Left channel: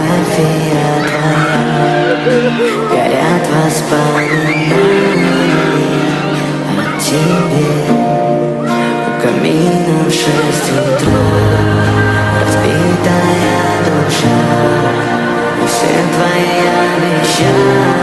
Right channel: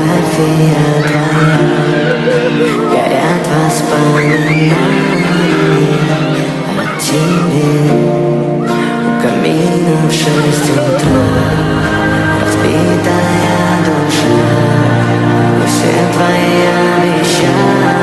фотография твоя, горят воспоминания о тебе. У камина в 6 утра разбитая душа, и все твои обещания